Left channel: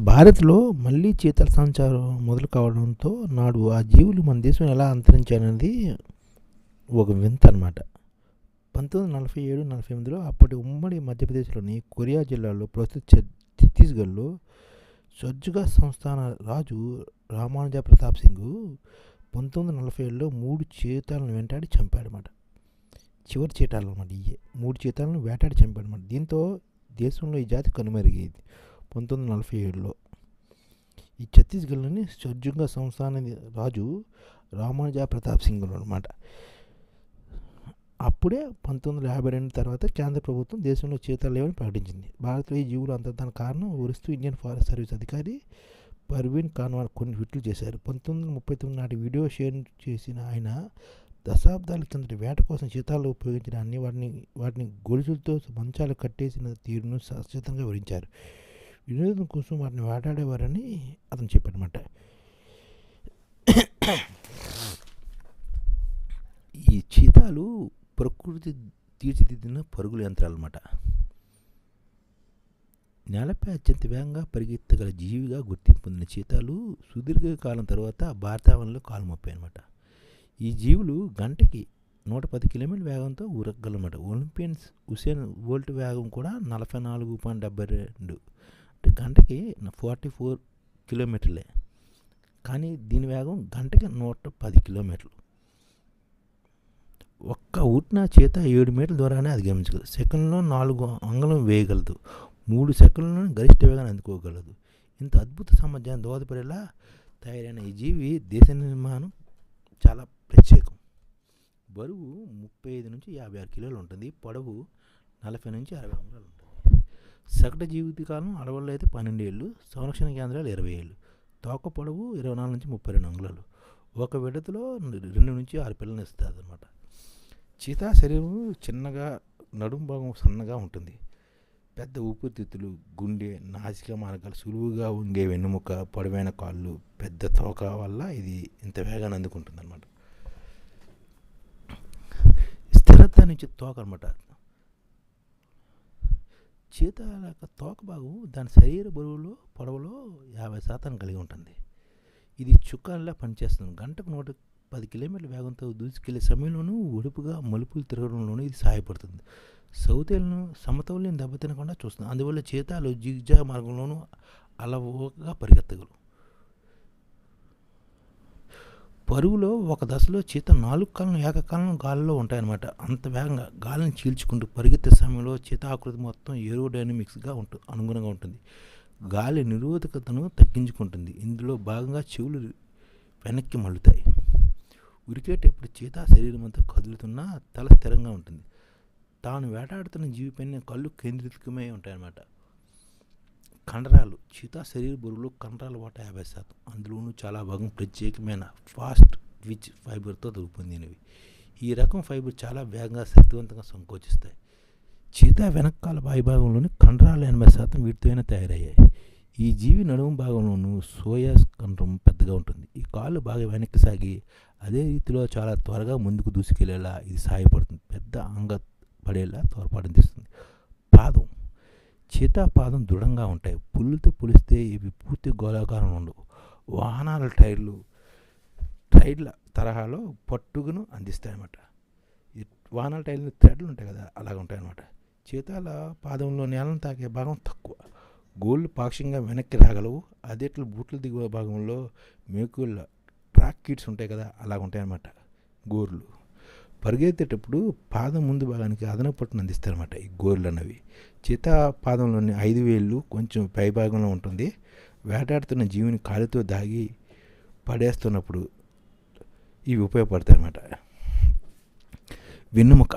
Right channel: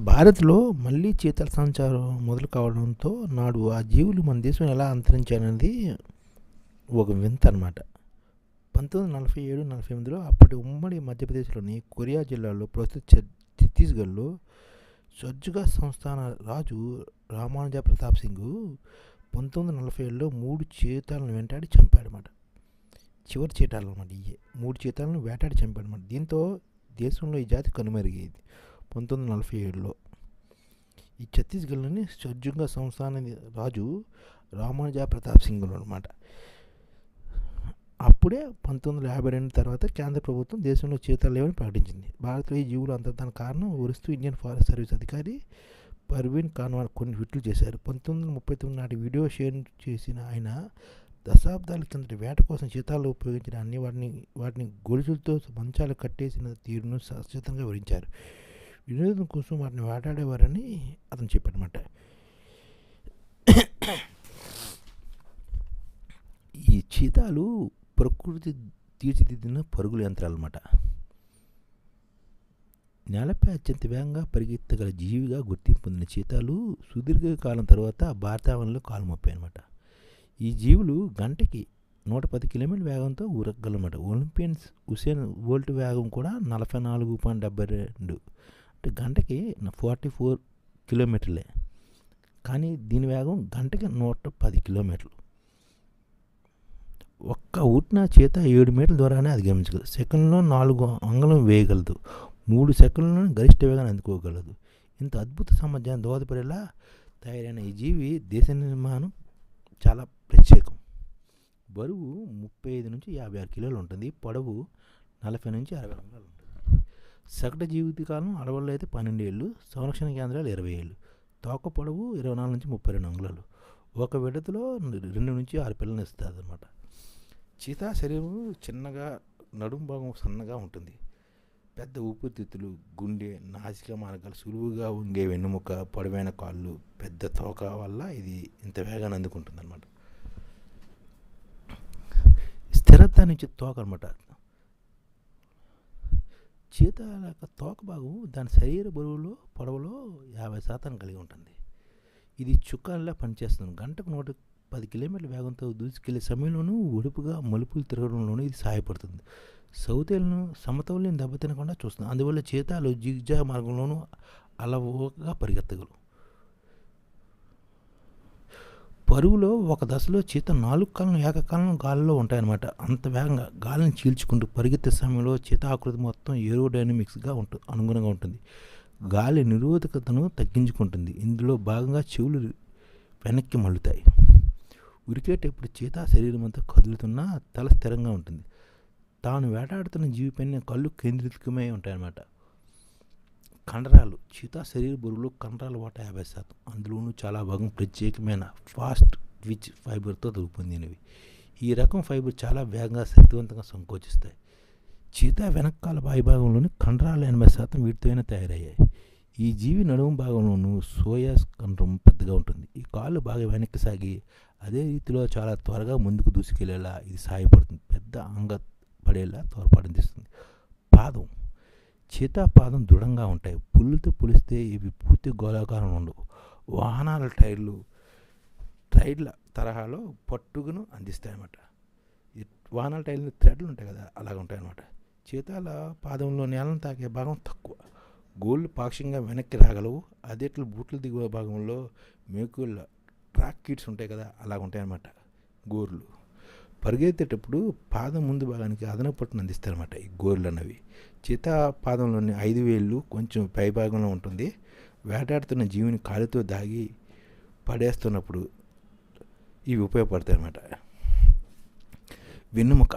భారత్లో మళ్ళీ చీతల సంచారం మొదలు కావడంతో నాడు ఆ జీవులు మన దేశం ఎలా అంతరించాయనేది ఒక వింత అనమాట పంతొమ్మిది వందల నలభై ఏడు నలభై ఎనిమిదిలో అప్పటి ఉమ్మడి మధ్యప్రదేశ్లోని కొరియా జిల్లాలో ప్రస్తుత ఛత్తీస్గఢ్లో సజ్జుగా సంస్థాన రాజు రామానుజ ప్రతాప్ సింగ్ పంతొమ్మిది వందల నలభై ఏడులో మూడు చీతాలను వెంటాడి చంపాడనమాట చివరి చీతాలు అనమాట ఇవే మూడు చీతాలను వేటాడి చంపాడనమాట దీంతో దేశంలో ఈ జాతి కనుమరుగైంది. పంతొమ్మిది వందల నలభై ఏడులో ఈ ఛత్తీస్గఢ్లోని సజ్జుగా సంస్థాన రాజు రామానుజ ప్రతాప్ సింగ్ అనమాట అప్పుడే పంతొమ్మిది వందల యాభై రెండు తర్వాత కేంద్ర ప్రభుత్వం దేశంలో చీతాలు లేవని ప్రకటించింది. భారత్లో ఈ జీవులు అంతర్ధాన కారణం వివరిస్తూ ఇండియన్ ఫారెస్ట్ సర్వీస్ అధికారి పర్వీన్ కాన్వార్ కొన్ని ట్వీట్లు చేశారు. పంతొమ్మిది వందల ముప్పై తొమ్మిది నాటి వీడియో షేర్ చేసిన ఆయన దశాబ్దాల కిందటి వేట కోసం చీతాలు ఉపయోగించిన అన్ని వాటిని వాటిని గొలుసులతో మంచాలు కట్టేసిన తీరును సచేతంగా వివరించారు. వినోదం కోసం వాటిని వేటాడేవారని అతను చెప్పాడనమాట ఈ చీతాలు ప్రకృతి తీర్చిదిద్దిన పరుగుల యంత్రాలు అన్నమాట నేలపై అత్యంత వేగంగా పరిగెత్తగల జీవిగా గుర్తింపు పొందిన చీతాలు సుదీర్ఘకాలం తర్వాత భారతావనంలో కాలు మోపాయి అనమాట ఈ జీవులు గంటకి నూట పది కిలోమీటర్ల వేగంతో ఊరగలమాట ఒలింపియన్స్ హుసేన్ వోల్ట్ వేగం కూడా నలభై నాలుగు పాయింట్ డెబ్బై రెండు గంటకి ఫార్టీ ఫోర్ కిలోమీటర్లే. కానీ దీని వేగం గంటకి నూట పది కిలోమీటర్లు. ఒక్క ఊటిన చేత ఏడు మీటర్ల ద్వారానే అధిగమించగలదు సెకండ్లో నాలుగు అంగళం వేయగలదు. మూడు సెకండ్లలో గరిష్ట వేగాన్ని అందుకోగలదు. ఇంత అద్భుత సామర్థ్యాన్ని దోహదపడేలా తయారైన ఈ జీవి దేశ నిర్మాణం చాలా ప్రత్యేకం. బరువు ముప్పై ఐదు నుంచి యాభై ఆరు కిలోలు ఉంటుంది. పొడవు నలభై నుంచి అరవై అంగుళాలు ఉంటుంది. సగటు జీవితకాలం అడవుల్లో అయితే పన్నెండు ఏళ్ళు సంరక్షణ కేంద్రాలు ఇరవై ఏళ్ళు తోక పొడవు ఇరవై నాలుగు నుంచి ముప్పై రెండు అంగుళాలు. ఒక విడతలో రెండు నుంచి ఆరు పిల్లలు ఇస్తుంది అనమాట చీతా శరీరం చిన్నగా నడుం భాగం సన్నగా ఉంటుంది. పెద్ద ఊపిరితిత్తులు గుండె నాసిక మార్గాలు సులువుగా ఉంగే వెన్నుముక పొడవైన కాళ్ళు పెద్ద తోక వల్ల ఇది ఇంత వేగాన్ని అందుకుంటుంది అనమాట స్థిరత్వాన్ని ఇచ్చే తోక అనమాట చీత యొక్క తోక భాగం దాని శరీర బరువులో పొడవులో యాభై శాతం కలిగి ఉంటుంది. ఇది చుక్కాల్లా పనిచేస్తుంది. గంటకు నూట పది కిలోమీటర్ల వేగంతో దూసుకెళ్ళే సమయంలోనూ ఒడుపుగా మలుపులు తిరగడంలోనూ ఇది సహాయపడుతుంది. సౌతేలను సమతౌల్యం దెబ్బతినకుండా చూస్తుంది. అందువల్ల చీతాలు జిగ్జా మార్గంలోనూ అలవోగా పరిగెత్తగలవు. పరువులో ఒక దశలో చీత నాలుగు కాలం ఏకకాలం గాలిలో ఉంటాయన్నమాట. అంత వేగంగా గాలిని చీల్చుకుంటూ పరిగెత్తే సమయంలో చీత ఆకృతి మొత్తం ఏరోడైనమిక్స్గా ఉంటుంది అనుగుణంగా ఉంటుంది. గాలి నిరోధకతను తగ్గించుకుంటుంది. ఇందులో భాగంగా చెవులు వెనక్కి మళ్ళుతాయి. ఉరికేటప్పుడు చీత శరీరం అంతా కదులుతున్నా తల స్థిరంగా ఉంటుంది. తాను వేటాడుతున్న జీవిపైన కళ్ళు కేంద్రీకమై ఉంటాయన్నమాట. కండరాలు చీతా శరీర బరువులో కండరాల వాటా యాభై శాతం. అందులోనూ చాలా భాగం ప్రత్యేకమైన ఫాస్ట్ ట్విచ్ ఫైబర్తో రూపొందినవి. ఈ రకం ఫైబర్ చాలా వేగంగా శక్తివంతంగా సంకోచిస్తాయి. చీతా వెనకాల భాగంలోని కండరాలు ఎనభై శాతం వీటితోనే తయారయ్యాయి. ఈ జీవి నడుము భాగంలోనూ సోయా కండరం పెద్దగా ఉంటుంది. ఈ కాళ్ళు బాగా వెనక్కి సాగి అదే రీతిలో చాలా త్వరగా ముందుకు దూసుకెళ్ళేలా ఇది సహాయపడుతుంది పెద్ద అంగ పడేలా తోడ్పాటునిస్తుంది పాదం చీతాపాదం దృఢంగా ఉంటాయి. పుల్లుతో పులిస్తే ఇవి పూర్తి గోళాకారం ఉండవు. వాహనాల టైర్లు టైర్ల తరహాలో పట్టుగును అందిస్తాయి అన్నమాట ఈ వాహనాల టైర్లు థ్రెడ్లు ఉంటాయి కదా అలాగ ఉంటాయి అన్నమాట చీతాల పాదంలో నేలను తాకే భాగం తక్కువ. గోళ్ళు పాక్షికంగా వెనక్కి రాగలవు. అదేట్లు బూట్ల దిగువ భాగంలో మేకుళ్ళ ట్రాక్ కిట్స్ ఉంటాయి కదా అలాగ ఉంటాయన్నమాట. గోర్లు. పరిగెత్తేటప్పుడు పాదం ముందు భాగానికి అదనపు పట్టును అందిస్తారన్నమాట ఈ గోర్లు అన్నవి. చేత పాదంలోని ఐదు వేళ్ళు కొంచెం పై భాగంలో ఉంటుంది. వేటాడుతున్న జీవిని కాలితో దాగి పడేస్తున్నప్పుడు ఇవి ఉపయోగపడతాయి అన్నమాట వెన్నుముక.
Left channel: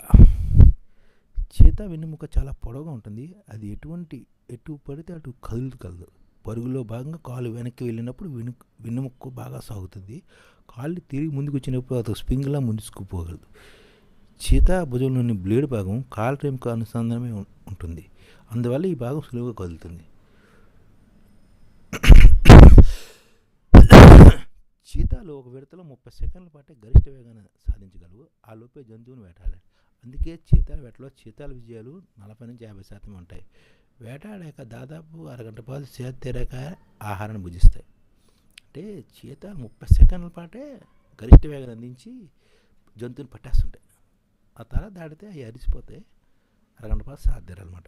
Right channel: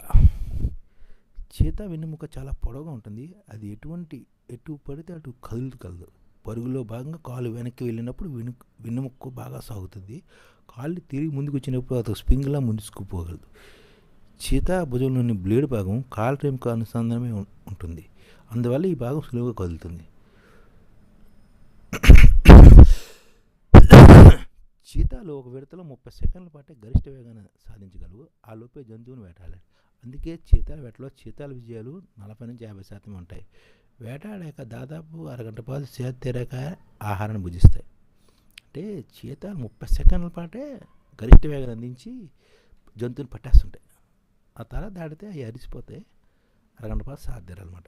చీత వెన్నుముక చాలా పొడవుగా ఉంటుంది. అది ఎటువంటి ఎటు పడితే అటు కదులుకలదు పరుగులో భాగంగా కాలు వెనక్కి వెళ్ళినప్పుడు వెను వెన్నుముక్కు బాగా సాగుతుంది. కాళ్ళు తిరిగి ముందుకు వచ్చినప్పుడు అతను స్ప్రింగ్లా ముందుకుపోగలదు చీత భుజంలోని బ్లేడ్ భాగం కాలు రేముకు అనుసంధానమే ఉంటుంది. అందువల్ల ఈ భాగం సులువుగా కదులుతుంది. చీతాలు ఒక విడతలో ముప్పై సెకండ్ల పాటే గరిష్ట వేగాన్ని సాధించగలవు. ఆ లోపే జంతువుని వేటాడాలి. అందుకే చీతాల వేటలో చీతాల విజయాలు నలభై నుంచి యాభై శాతం ఉంటాయి. వేటాడాక దాదాపు అరగంట పాటు చేతి తీరాక ఆహారాన్ని భుజిస్తాయి. అంటే చీతాలు ముప్పై సెకండ్ల పాటే గరిష్ట వేగాన్ని అందించి జంతువుని పట్టేస్తుంటాయి. ఆ తర్వాత దాటితే అవి అరిసిపోతాయి అరగంట పాటు సాధ్యరనమాట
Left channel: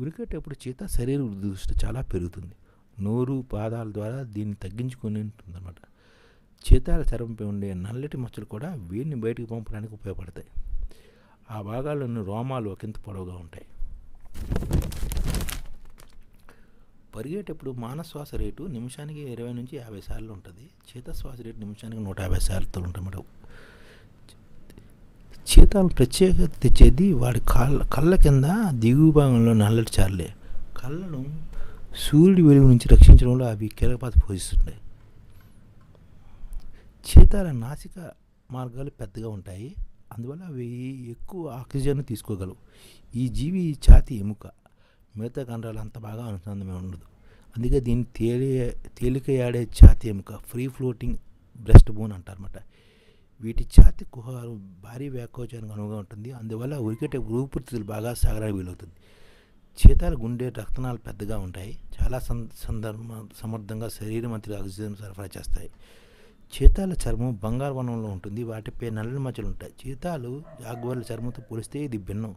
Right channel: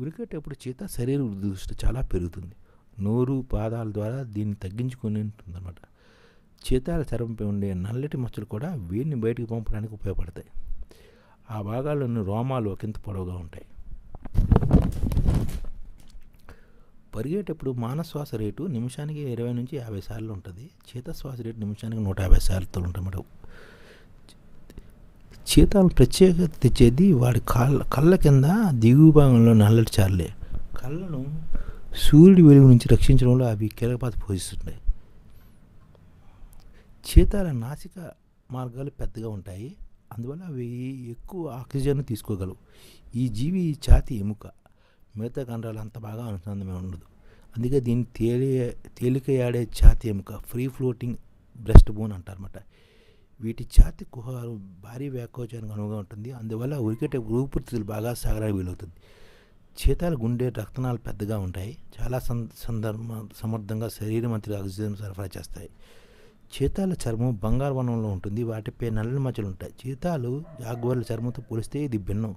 ఉరికేటప్పుడు చీత శరీర దృష్టి చాలా పెరుగుతుంది. నోరు పాదాల ద్వారా దీన్ని తగ్గించుకొని ఉంటుందన్నమాట. చీతాల చర్మంపై ఉండే నల్లటి మచ్చలు కూడా వేడిని బయటకు పంపడానికి ఉపయోగపడతాయి. ఆ భాగాల్లోని రోమాలు ఒకంత పొడవుగా ఉంటాయి. పరిగేటప్పుడు మానశ్వాస రేటు నిమిషానికి ఇరవై నుంచి యాభై సార్లు ఉంటుంది. చేతశ్వాస రేటు నిమిషానికి నూట యాభై సార్లు మేడం. చీతాలు ప్రత్యేకత తెచ్చేది వాడి కళ్ళ కళ్ళ కింద దిగువ భాగంలో నల్లటి చార్లే. కళ్ళను సూర్యుడి వెలుగు నుంచి రక్షించడంలో అవి కీలకపాత పోషిస్తుంటాయి. చీతాల నాసిక మార్గాలు పెద్దగా ఉంటాయి. అందువల్ల అవి ఎక్కువ ఆక్సిజన్ తీసుకోగలవు. ఈ జీవి ఛాతి ఎముక. మిగతా కండరాలు అంత బాగా అనుసంధానమే ఉండదు. అందుకే దీన్ని తేలి తేలికయాడే ఛాతి ఎముక ఫ్రీ ఫ్లోటింగ్ బ్రెస్ట్ బోన్ అంటారన్నమాట. వీటి ఛాతి కుహారు భారీ వ్యాకోచానికి అనువుగా ఉంటుంది. అందువల్ల ఉరికేటే ఊపిరితిత్తులు బాగా సాగడానికి వీలవుతుంది. చీతాల గుండె రక్తనాలు పెద్దగా ఉంటాయి. చాలా సందర్భ సమర్థంగా శరీరం అంతటి ఆక్సిజన్ సరఫరా చేస్తాయి. చీతాల చర్మం బంగారు వనంలో ఉంటుంది. వాటిపై నల్లని మచ్చలు ఉంటాయి చీతాలు జాగ్వర్ల చర్మంతో పోలిస్తే ఇది భిన్నం.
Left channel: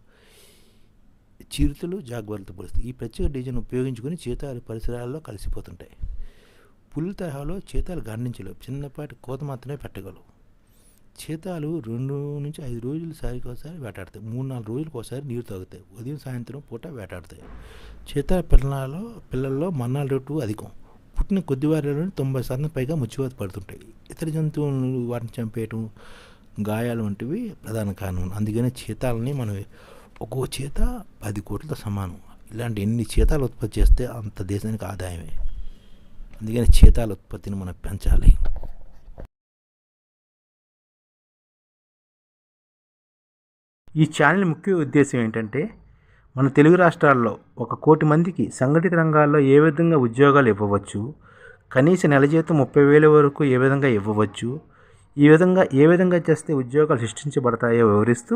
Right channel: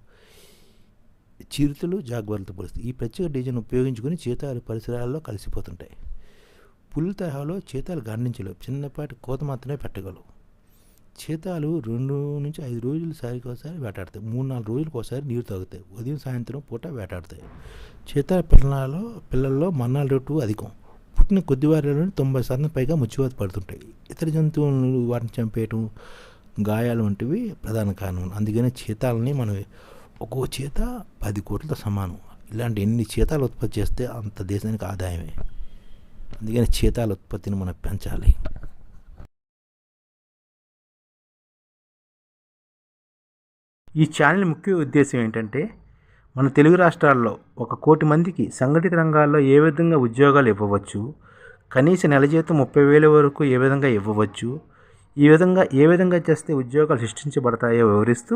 చిరుతలు జాగ్రత్త పోలిస్తే ఈ ప్రత్యేక డిజైన్ ఉపయోగించుకొని చీతాలు పరిసరాల్లో కలిసిపోతుంటాయి. పులి తరహాలో చీతాలు గండించలేవు చిన్నపాటి కోత మాత్రమే పెట్టగలవు. చీతాలు రెండు నుంచి ఐదు రోజులు సారికి ఒకసారి వేటాడతాయి. మూడు నాలుగు రోజులకు ఒకసారి నీరు తాగుతాయి. ఉదయం సాయంత్రం పూట వేటాడతాయి. చీతాల పిల్లలలో పిల్లల్లో మన్నాల రేటు అధికం. పుట్టిన కొద్ది వారిలోనే తొంభై శాతం పైగా ముచ్చివాత పడుతుంటాయి. ఇతర జంతువులు వాటిని చంపేయటం గాయాలు వంటివి ప్రధాన కారణం. అందుకనే చీతాలని మనం ఒక్కో చేత పది కోట్లతో సమానం. ఇలాంటి ఎన్ని చీతాలు ఉత్పత్తి చేస్తే అంత దేశానికి ఆదాయమే. అందుకని చేతాల ఉత్పత్తిని మనం పెంచాలి. ఈ ఛానల్ ముఖ్య ఉద్దేశం ఏంటంటే మన తెలుగు రాష్ట్రాల్లో ఒక కోటి మందికి సంఘటిత రంగాల్లో ఏ విధంగా ఉద్యోగాలు ఇవ్వవచ్చు కనీస నెల జీతం ముప్పై వేల వరకు ఏ విధంగా ఇవ్వవచ్చు ఈ విధంగా ఏ విధంగా చేస్తే ఉద్యోగాలు సృష్టించబడతాయో వివరిస్తూ